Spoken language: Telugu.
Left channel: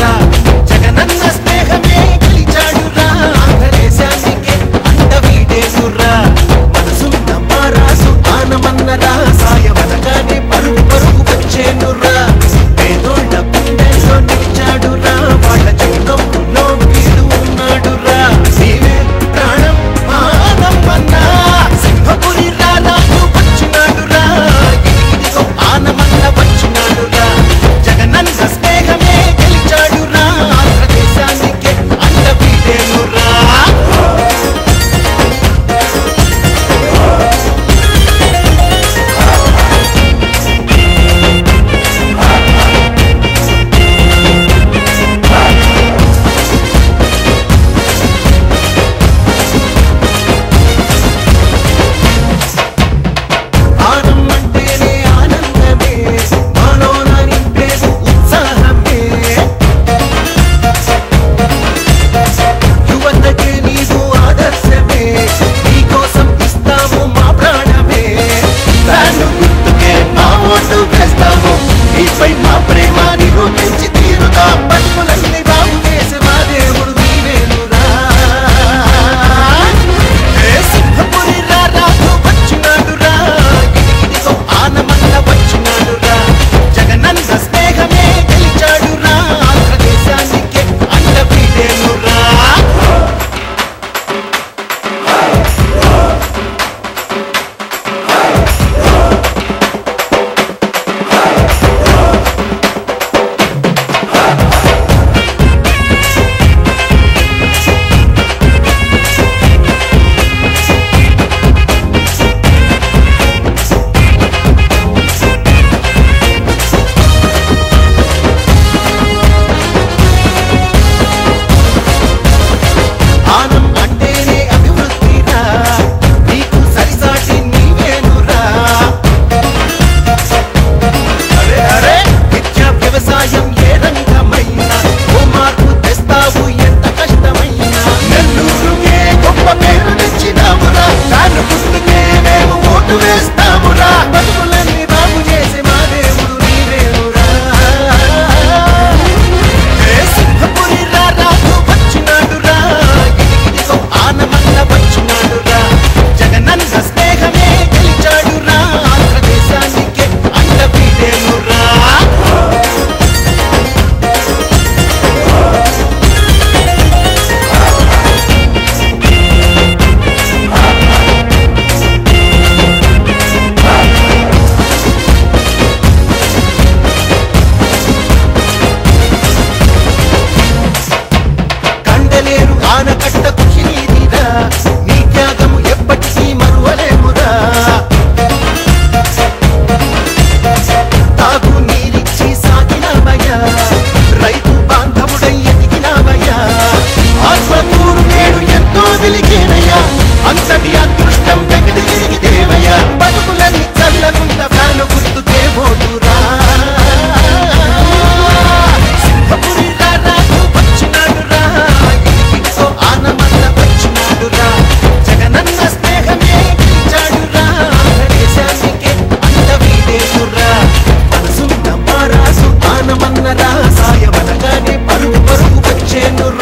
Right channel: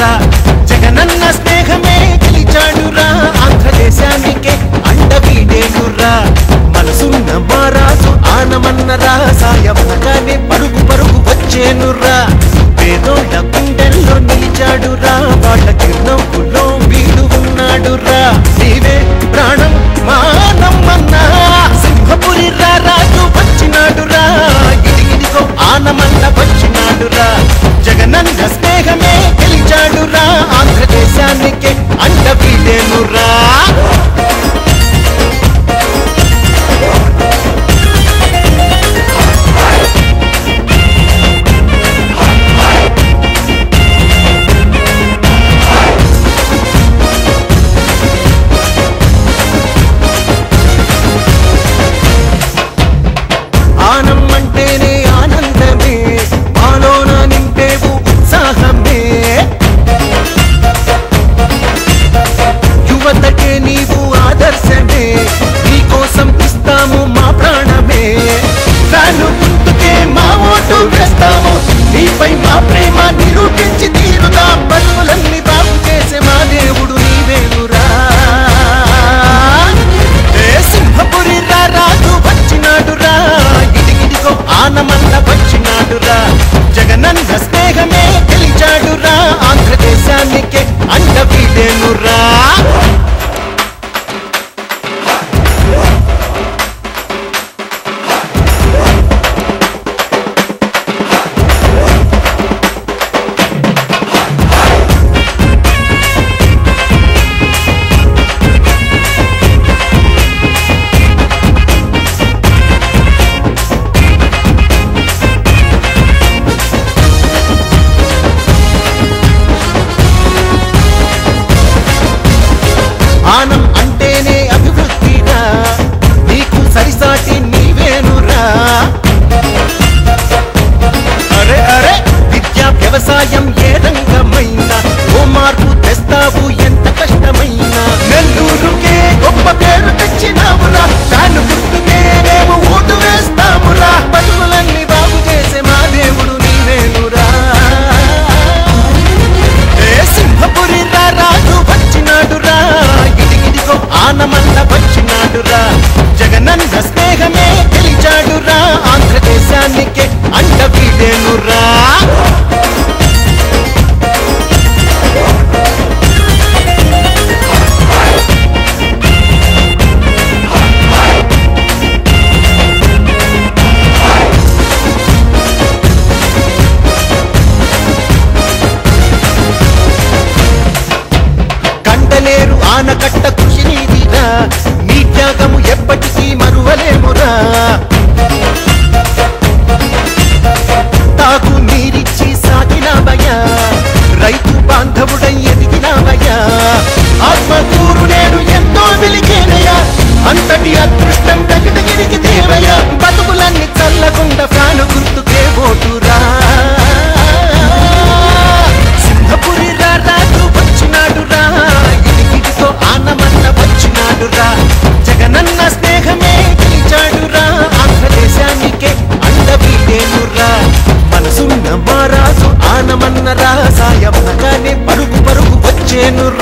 వచ్చినాడురా జగనన్న స్నేహమే గెలిచాడురా ఆంధ్రదేశానికే అండ వీడేనురా మనసున్న మారాసు ఆనమన్నరా సాయమనగానే పరుగు పరుగు వచ్చేనురా పేదోళ్ళ గుండెల్లో నిలిచాడురా వాళ్ళ చిరునవ్వులో వీడు ఉన్నాడురా నీవే ప్రాణం మానమ్మన్నా సింహపురి రాజు వచ్చినాడురా ఇదిగిదిగో ఆనమన్న వచ్చినాడురా జగనన్న స్నేహమే గెలిచాడురా ఆంధ్రదేశానికే అండ వీడేనురా వ్యవసాయం ఏ రంగమైనా ఓ మార్పు తెస్తావు ఎంత కష్టమైనా నెల్లూరుకే గొప్ప పేరు తెచ్చినావురా దాని గుర్తుకే మేము ఓటు వేస్తామురా బతుకులన్నీ బాగు చేసే మా దేవుడు నీవేనురా ఏ సింహపురి రాజు వచ్చినాడురా ఇదిగిదిగో ఆనమన్న వచ్చినాడురా జగనన్న స్నేహమే గెలిచాడురా ఆంధ్రదేశానికే అండ వీడేనురా ఆనకట్ట కృషి నీదిరా నీ త్యాగము ఎప్పటికీ మరువలేమురా తాగు నీరిచ్చి సాగినావయ్యా రైతు బాంధవుడై ఎదిగినావయ్యా ఆత్మకూరు నేడు ఎంతో వెలిగేనయ్యా అంతటి అదృష్టం వెగిదిగిరికి దేవయ్యా బతుకులన్నీ చల్లగుండ ఫ్యాను గుర్తుకే ఓటురా సింహపురి రాజు వచ్చినాడురా ఆనమన్న వచ్చినాడురా జగనన్న స్నేహమే గెలిచాడురా ఆంధ్రదేశానికే అండ వీడేనురా మనసున్న మారాసు ఆనమన్నరా సాయమనగానే పరుగు పరుగు వచ్చేనురా